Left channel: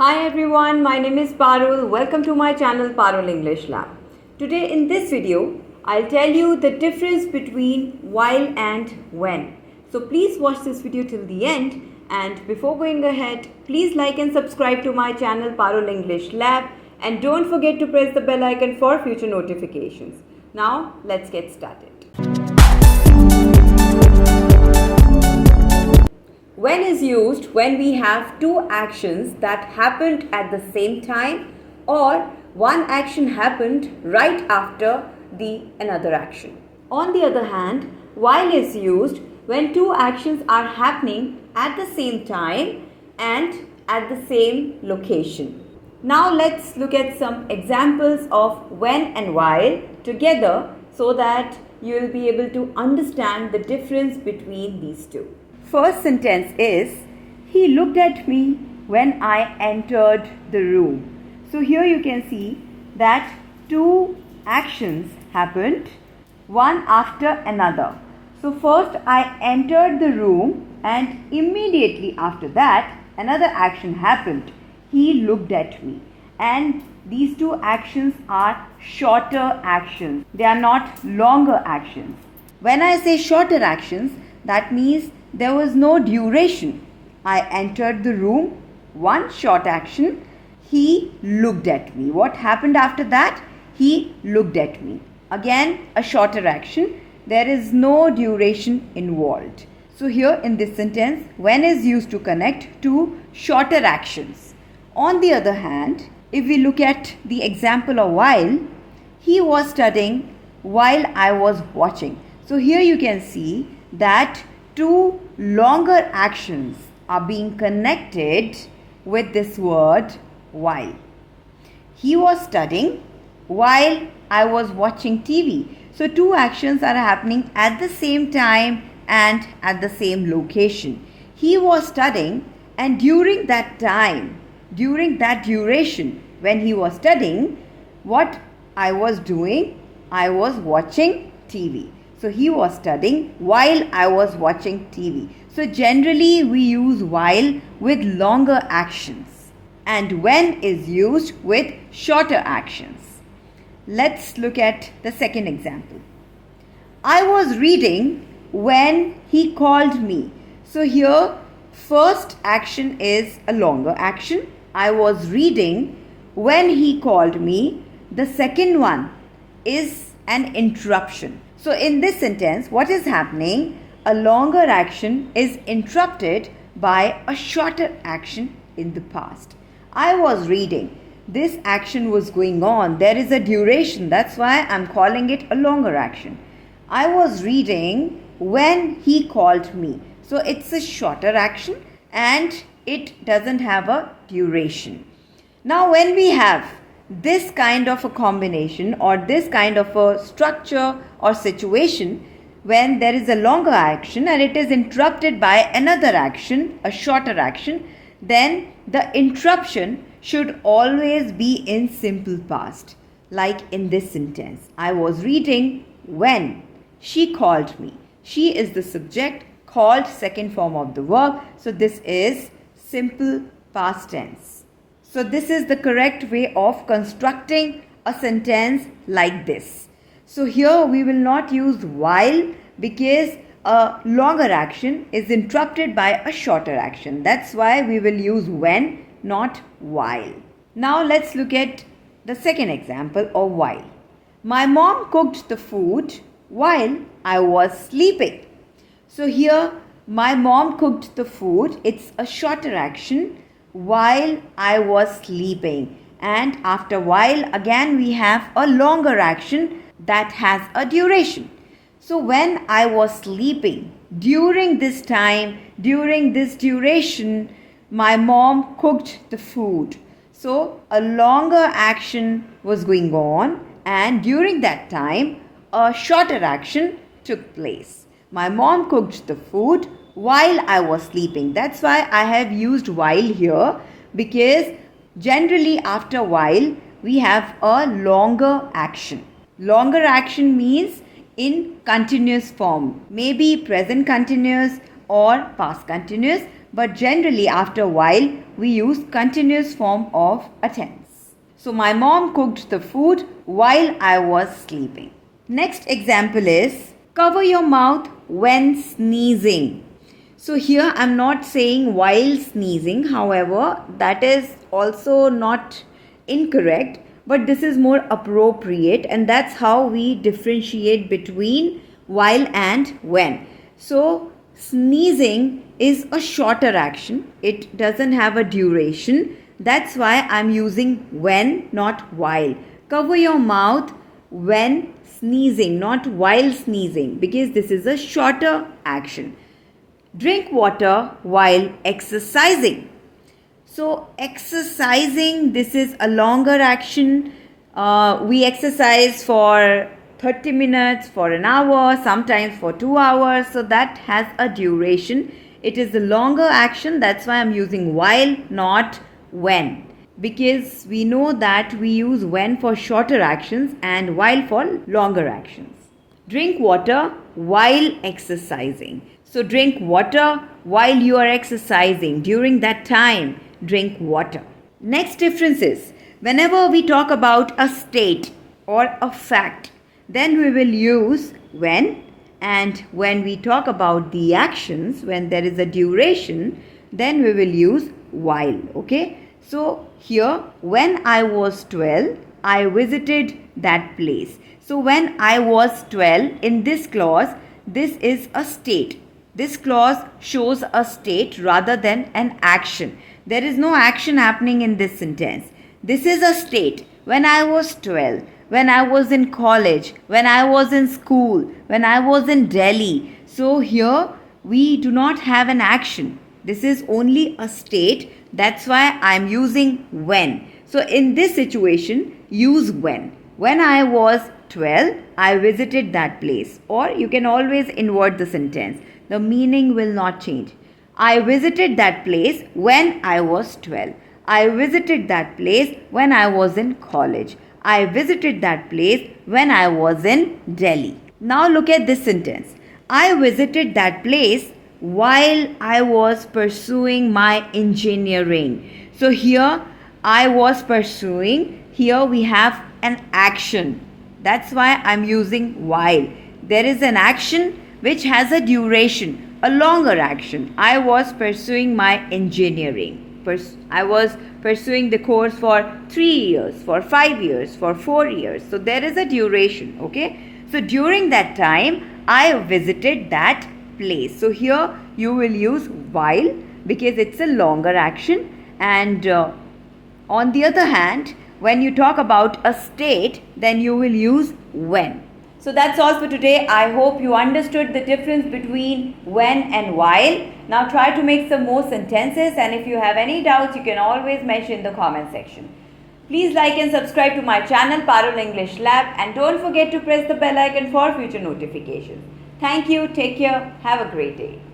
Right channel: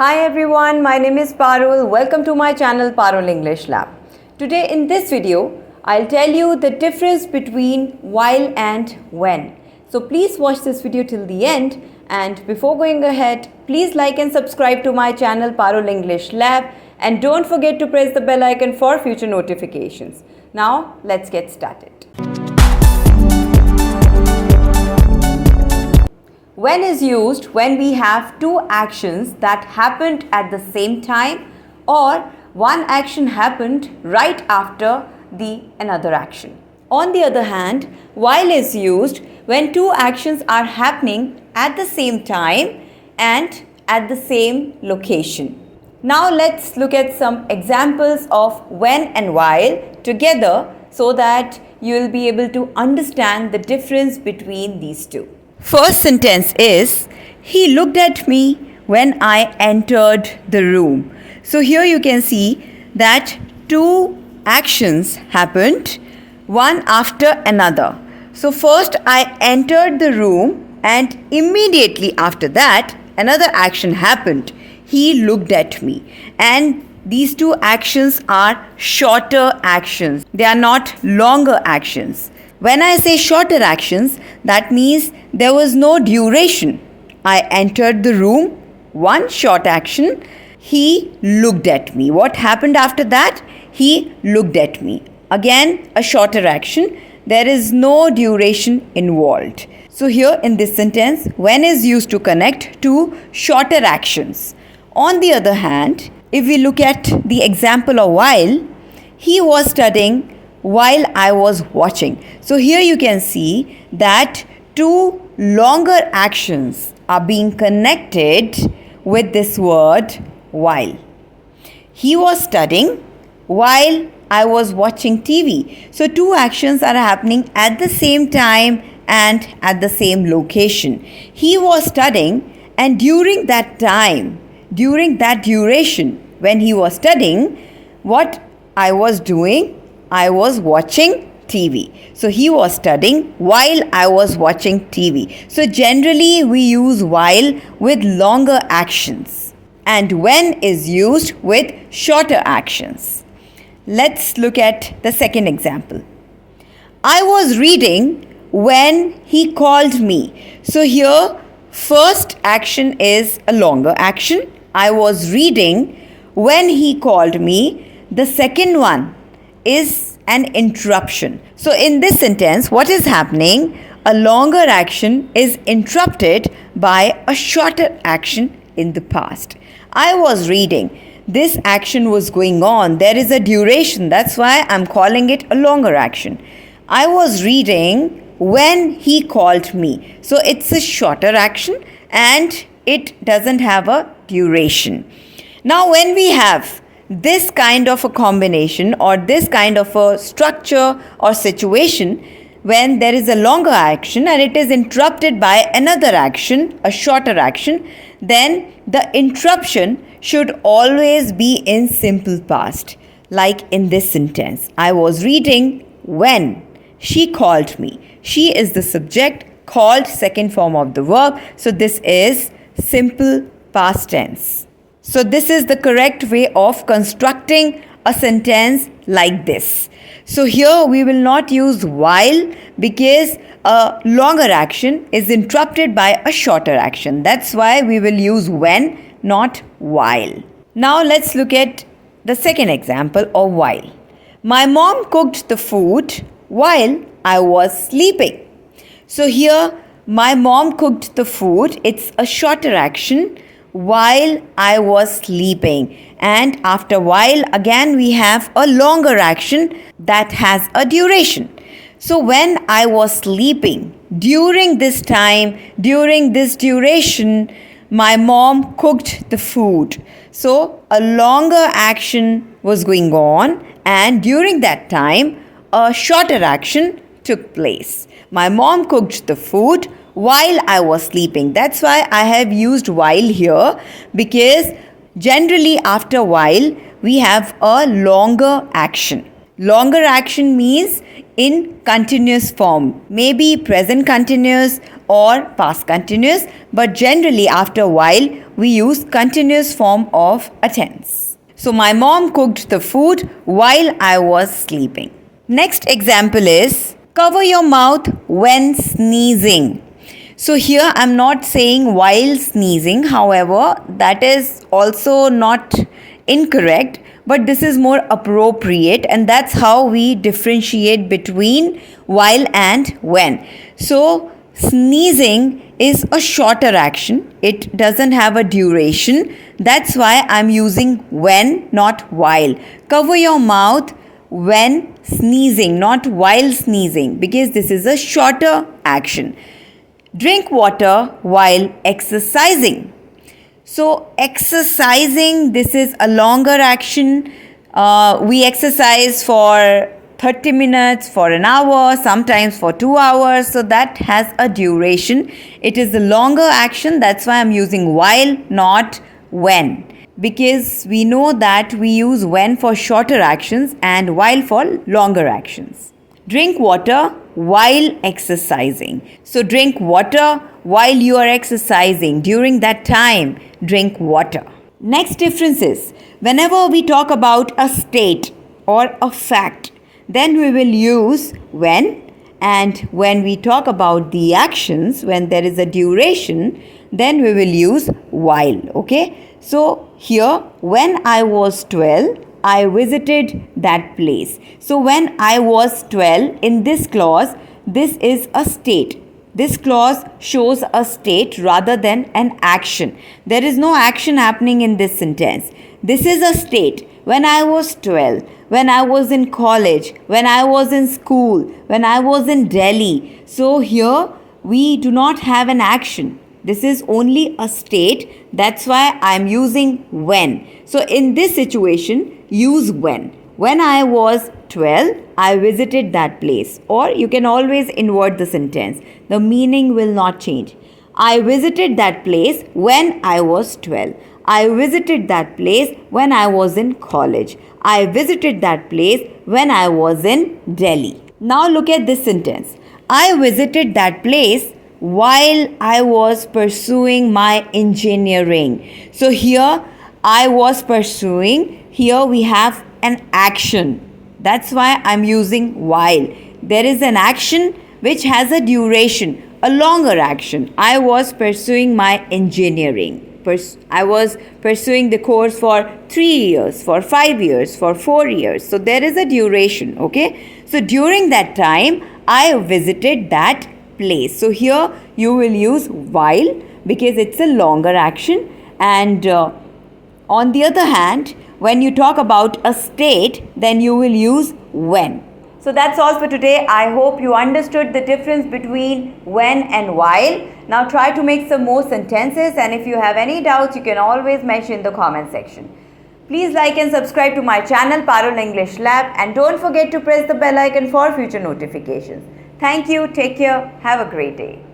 Hi everyone, my name is Parul. Welcome to my channel Parul English Lab. Today in this video, I'll tell you the difference between while and when. So please watch this video till the end, and before going ahead, please like and subscribe to my channel Parul English Lab, and don't forget to press the bell icon for future notifications. Now let's get started. When is used when we have two actions that happened at the same time, or one action happened right after the another action. On the other hand, while is used when two actions are happening at the same time and at the same location. Now let's look at some examples of when and while together so that you will be able to understand the difference between these two. First sentence is, he looked at me when I entered the room. So here you can see that two actions happened, one after another. So first I entered the room, and immediately after that another action happened. He looked at me. And these two actions are shorter actions. They are not longer actions. When I say shorter actions, that means there was no duration. I entered the room, one short action. He looked at me. What happened after that? He looked at me. Again, a shorter action. There is no duration involved. So here in this sentence, when is used to connect two shorter actions. On the other hand, if we look at the example of while, he was studying while I was watching. So here you can see that two longer actions are being connected with this word while. He was studying while I was watching TV. So two actions are happening at the same time and at the same location. He was studying, and during that time, during that duration when he was studying, what I was doing? I was watching TV. So he was studying while I was watching TV. So generally we use while with longer actions, and when is used with shorter actions. Let's look at the second example. I was reading when he called me. So here first action is a longer action. I was reading when he called me. The second one is an interruption. So in this sentence, what is happening? A longer action is interrupted by a shorter action in the past. I was reading. This action was going on. There is a duration. That's why I'm calling it a longer action. I was reading when he called me. So it's a shorter action and it doesn't have a duration. Now when we have this kind of a combination or this kind of a structure or situation, when there is a longer action and it is interrupted by another action, a shorter action, then the interruption should always be in simple past. Like in this sentence, I was reading when she called me. She is the subject, called second form of the verb. So this is simple past tense. So this is the correct way of constructing a sentence like this. So here we will not use while because a longer action is interrupted by a shorter action. That's why we will use when, not while. Now let's look at the second example of while. My mom cooked the food while I was sleeping. So here my mom cooked the food. It's a shorter action. While I was sleeping, and after while again we have a longer action that has a duration. So when I was sleeping, during this time, during this duration, my mom cooked the food. So a longer action was going on, and during that time a shorter action took place. My mom cooked the food while I was sleeping. That's why I have used while here, because generally after while we have a longer action. Longer action means in continuous form, maybe present continuous or past continuous, but generally after a while we use continuous form of a tense. So my mom cooked the food while I was sleeping. Next example is cover your mouth when sneezing. So here I'm not saying while sneezing, however, that is also not incorrect, but this is more appropriate, and that's how we differentiate between while and when. So sneezing is a shorter action, it doesn't have a duration. That's why I'm using when, not while. Cover your mouth when sneezing, not while sneezing, because this is a shorter action. Drink water while exercising. So exercising, this is a longer action. We exercise for 30 minutes, for an hour, sometimes for 2 hours. So that has a duration. It is a longer action. That's why I'm using while, not when. Because we know that we use when for shorter actions and while for longer actions. Drink water while exercising. So drink water while you are exercising. During that time, drink water. Next difference is, whenever we talk about a state or a fact, then we will use when. And when we talk about the actions, when there is a duration, then we will use while. Okay? So here, when I was 12, I visited that place. So when I was 12, in this clause, this is a state. This clause shows a state rather than an action. There is no action happening in this sentence. This is a state. When I was 12, when I was in college, when I was in school, when I was in Delhi. So here we do not have an action. This is only a state. That's why I'm using when. So in this situation, use when. When I was 12, I visited that place. Or you can always invert the sentence. The meaning will not change. I visited that place when I was 12. I visited that place when I was in college. I visited that place when I was in Delhi. Now look at this sentence. I visited that place while I was pursuing my engineering. So here I was pursuing. Here we have an action. That's why I'm using while. There is an action which has a duration, a longer action. I was pursuing my engineering. I was pursuing the course for 3 years, for 5 years, for 4 years. So there is a duration, okay? So during that time, I visited that place. So here you will use while because it's a longer action. And on the other hand, when you talk about a state, then you will use when. So that's all for today. I hope you understood the difference between when and while. Now try to make some more sentences, and if you have any doubts, you can always mention in the comment section. Please like and subscribe to my channel Parul English Lab, and don't forget to press the bell icon for future notifications. Thank you. Take care. Have a great day.